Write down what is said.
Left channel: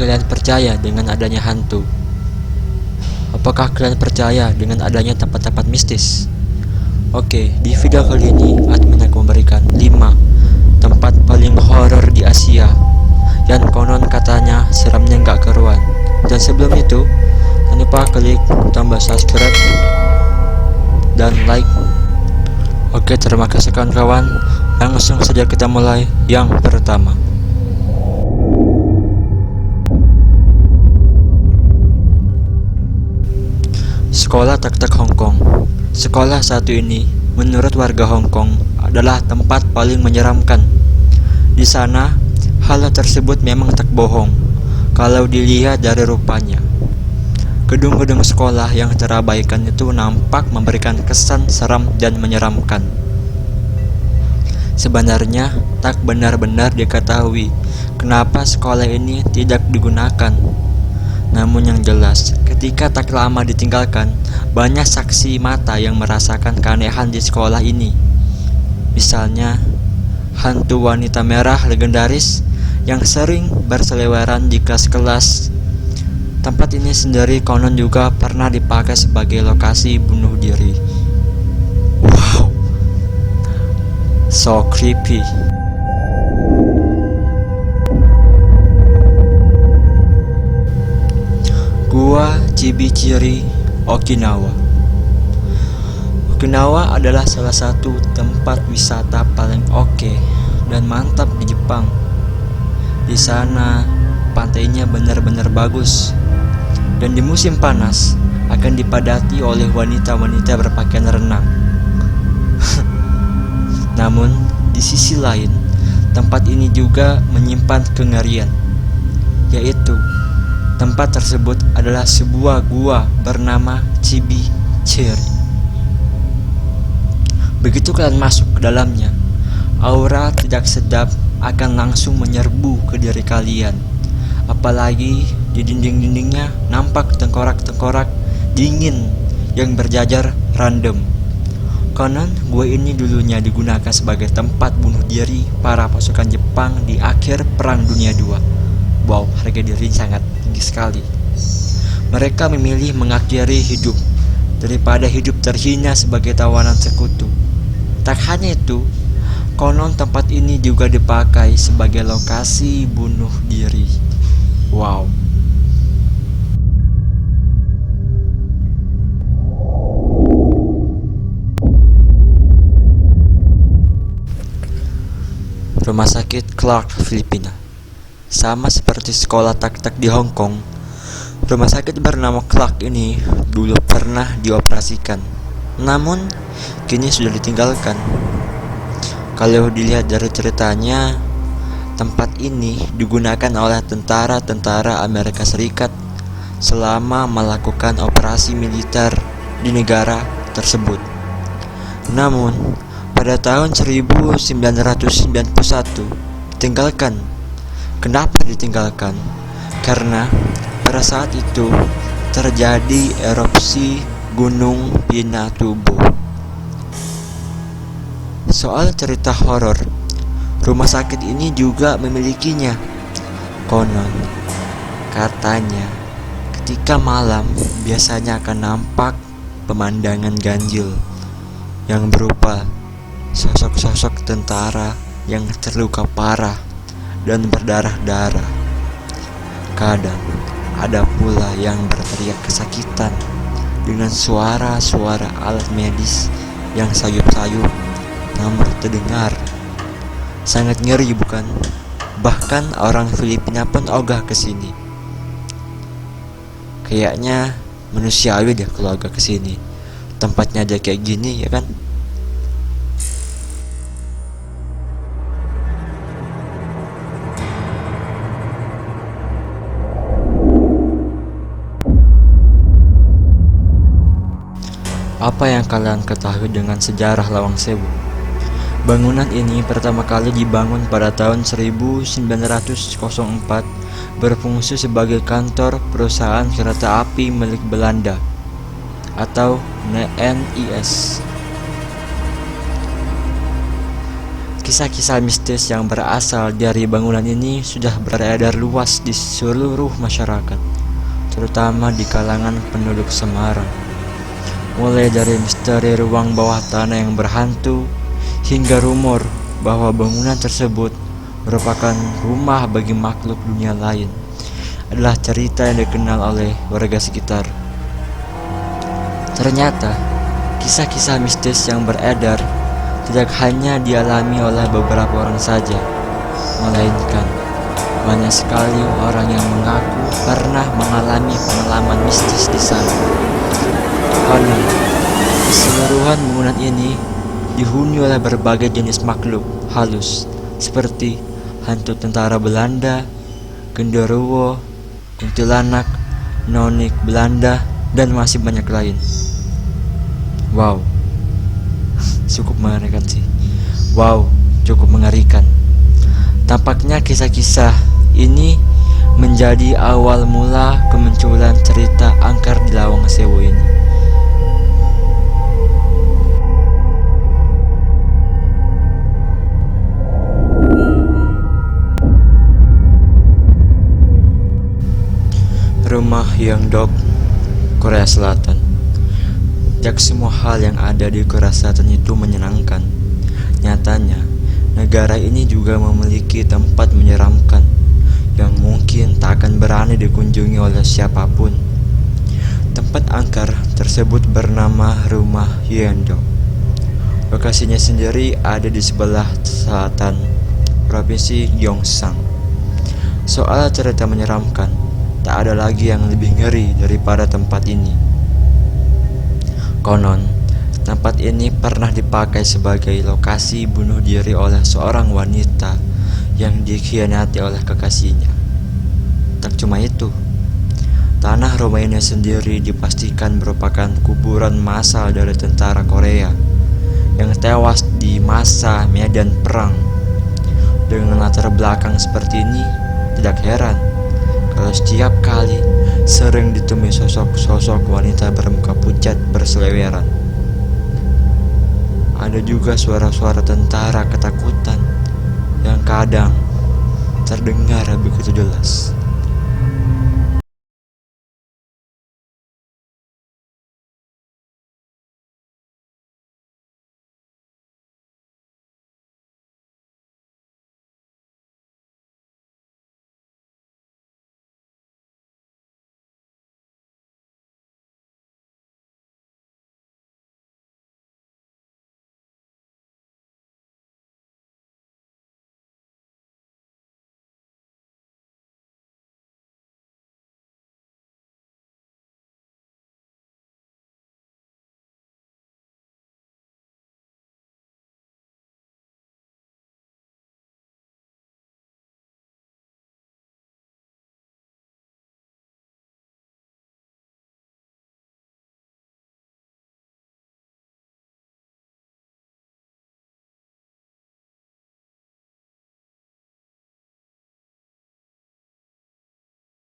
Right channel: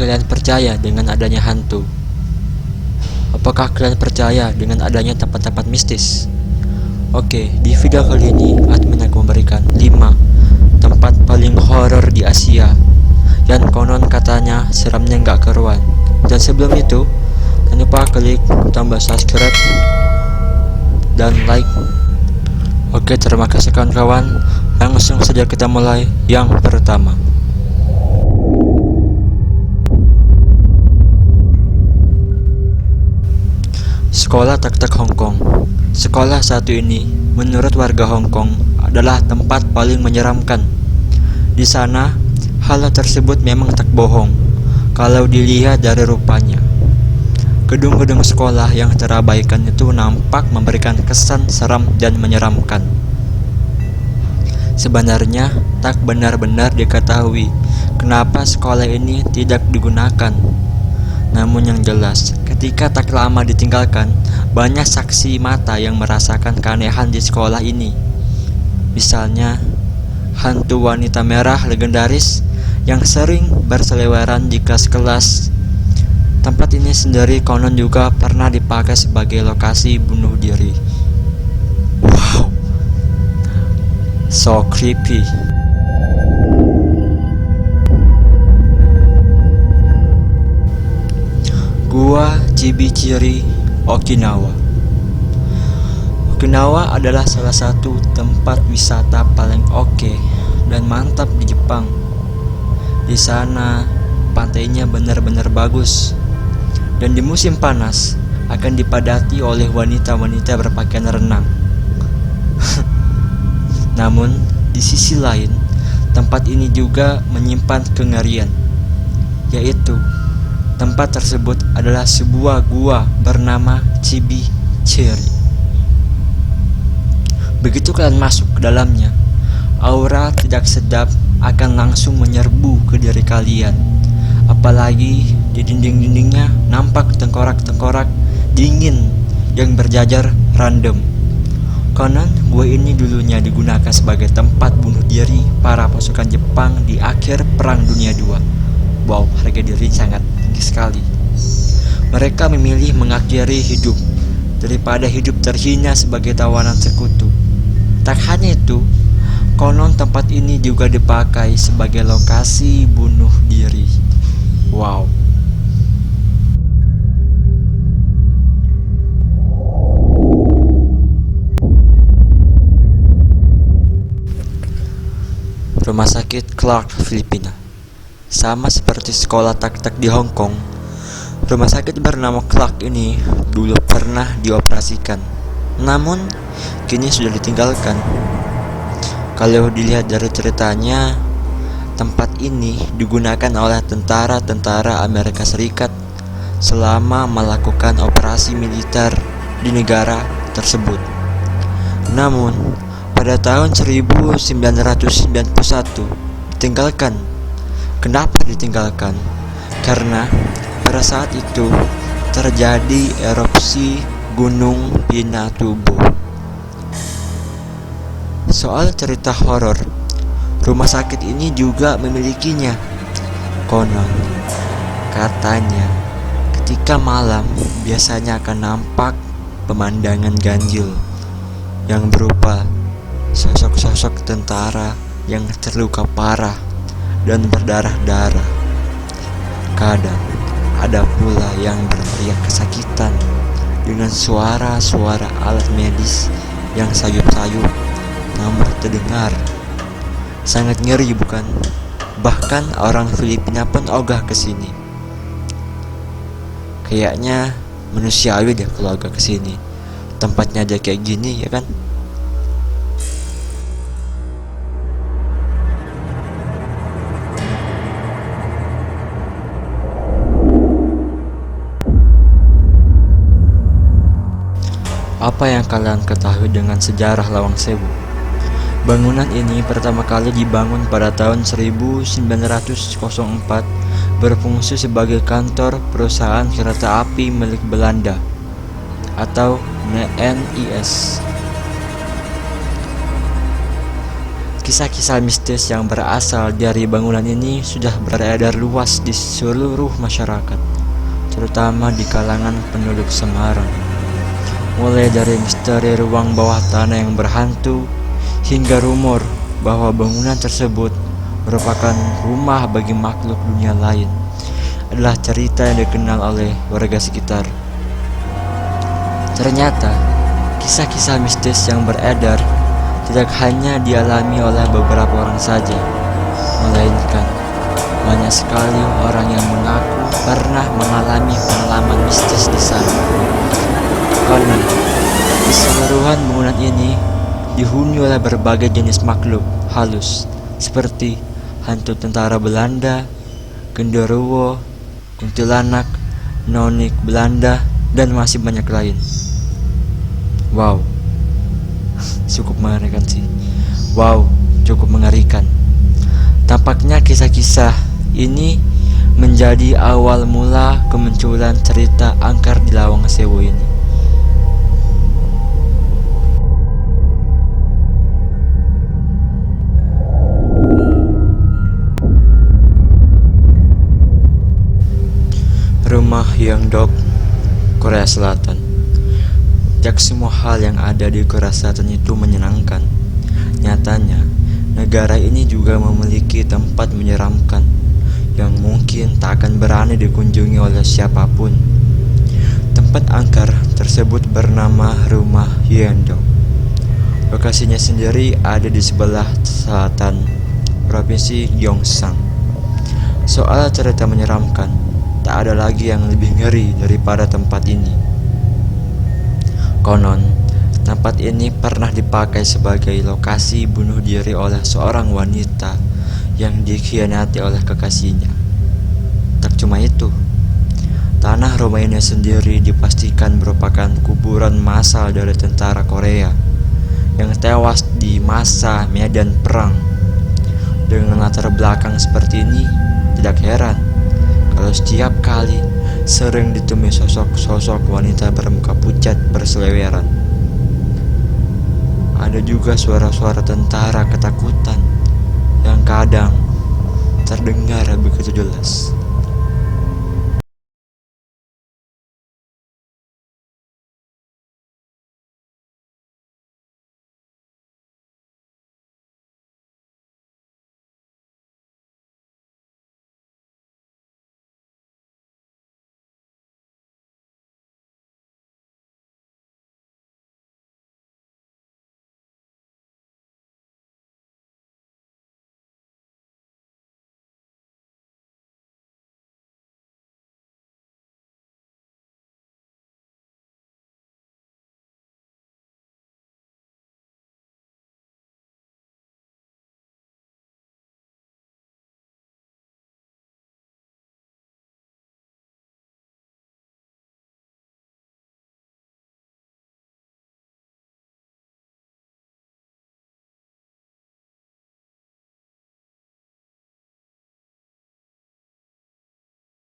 kalian percaya dengan adanya hantu? Apakah kalian percaya dengan adanya tempat-tempat mistis? Oke, di video kali ini admin akan memberikan 5 tempat paling horor di Asia yang konon katanya seramnya nggak keruan. Dan sebelum itu, jangan lupa klik tombol subscribe dan like. Oke, terima kasih kawan-kawan. Langsung saja kita mulai yang pertama. Sekolah Tak-Tak Hong Kong. Sekolah satu ini menurut warga Hong Kong adalah tempat paling menyeramkan. Di sana, hal tersebut memang tak bohong kalau dilihat dari rupanya. Gedung-gedung sekolah yang terabaikan itu nampak memberikan kesan seram dan menyeramkan. Sebenarnya tak benar-benar diketahui kenapa sekolah ini tidak digunakan. Namun yang jelas, ketika tak lama ditinggalkan, banyak saksi mata yang merasakan keanehan di sekolah ini. Misalnya, hantu wanita merah legendaris yang sering berseliweran di kelas-kelas. Tempat ini sendiri konon juga pernah dipakai sebagai lokasi bunuh diri. Wow, so creepy. Gua Chibichiri, Okinawa. Okinawa adalah salah satu tempat wisata paling oke dan mantap di Jepang. Di sana pantainya benar-benar bagus, dan di musim panas akan dipadati oleh wanita-wanita berpakaian renang. Namun di sisi lain, tempat ini juga menyimpan kengerian, yaitu tempat tersebut adalah sebuah gua bernama Chibichiri. Begitu kalian masuk ke dalamnya, aura tidak sedap akan langsung menyerbu ke diri kalian. Apalagi di dinding-dindingnya nampak tengkorak-tengkorak dingin yang berjajar random. Konon gua ini dulunya digunakan sebagai tempat bunuh diri para pasukan Jepang di akhir Perang Dunia II. Wow, harga diri sangat tinggi sekali. Mereka memilih mengakhiri hidup daripada hidup terhina sebagai tawanan sekutu. Tak hanya itu, konon tempat ini juga dipakai sebagai lokasi bunuh diri. Wow. Rumah sakit Clark, Filipina. Sama seperti sekolah Tak-Tak di Hong Kong, rumah sakit bernama Clark ini dulu pernah dioperasikan, namun kini sudah ditinggalkan. Kalau dilihat dari ceritanya, tempat ini digunakan oleh tentara-tentara Amerika Serikat selama melakukan operasi militer di negara tersebut. Namun, pada tahun 1991 ditinggalkan. Kenapa ditinggalkan? Karena pada saat itu terjadi erupsi Gunung Pinatubo. Soal cerita horor, rumah sakit ini juga memilikinya. Konon, katanya ketika malam biasanya akan nampak pemandangan ganjil yang berupa sosok-sosok tentara yang terluka parah dan berdarah-darah. Kadang ada pula yang berteriak kesakitan dengan suara-suara alat medis yang sayup-sayup namun terdengar. Sangat ngeri bukan? Bahkan orang Filipina pun ogah ke sini. Kayaknya manusiawi deh kalau ogah ke sini. Tempatnya aja kayak gini, ya kan? Apa yang kalian ketahui dengan sejarah Lawang Sewu? Bangunan ini pertama kali dibangun pada tahun 1904, berfungsi sebagai kantor perusahaan kereta api milik Belanda atau NIS. Kisah-kisah mistis yang berasal dari bangunan ini sudah beredar luas di seluruh masyarakat, terutama di kalangan penduduk Semarang. Mulai dari misteri ruang bawah tanah yang berhantu, hingga rumor bahwa bangunan tersebut merupakan rumah bagi makhluk dunia lain, adalah cerita yang dikenal oleh warga sekitar. Ternyata, kisah-kisah mistis yang beredar tidak hanya dialami oleh beberapa orang saja, melainkan banyak sekali orang yang mengaku pernah mengalami pengalaman mistis di sana. Karena keseluruhan bangunan ini dihuni oleh berbagai jenis makhluk halus seperti hantu tentara Belanda, genderuwo, kuntilanak, nonik Belanda, dan masih banyak lain. Wow, cukup mengerikan sih. Wow, cukup mengerikan. Tampaknya kisah-kisah ini menjadi awal mula kemunculan cerita angker di Lawang Sewu ini. Rumah Yeongdeok, Korea Selatan. Jak semua hal yang ada di Korea Selatan itu menyenangkan. Nyatanya, negara ini juga memiliki tempat menyeramkan yang mungkin tak akan berani dikunjungi oleh siapapun. Tempat angker tersebut bernama Rumah Yeongdeok. Lokasinya sendiri ada di sebelah selatan Provinsi Gyeongsang. Soal cerita menyeramkan, tak ada lagi yang lebih ngeri daripada tempat ini. Konon, tempat ini pernah dipakai sebagai lokasi bunuh diri oleh seorang wanita yang dikhianati oleh kekasihnya. Tak cuma itu, tanah rumah ini sendiri dipastikan merupakan kuburan massal dari tentara Korea yang tewas di masa medan perang. Dengan latar belakang seperti ini, tidak heran kalau setiap kali sering ditemui sosok-sosok wanita bermuka pucat berseliweran. Ada juga suara-suara tentara ketakutan yang kadang terdengar begitu jelas.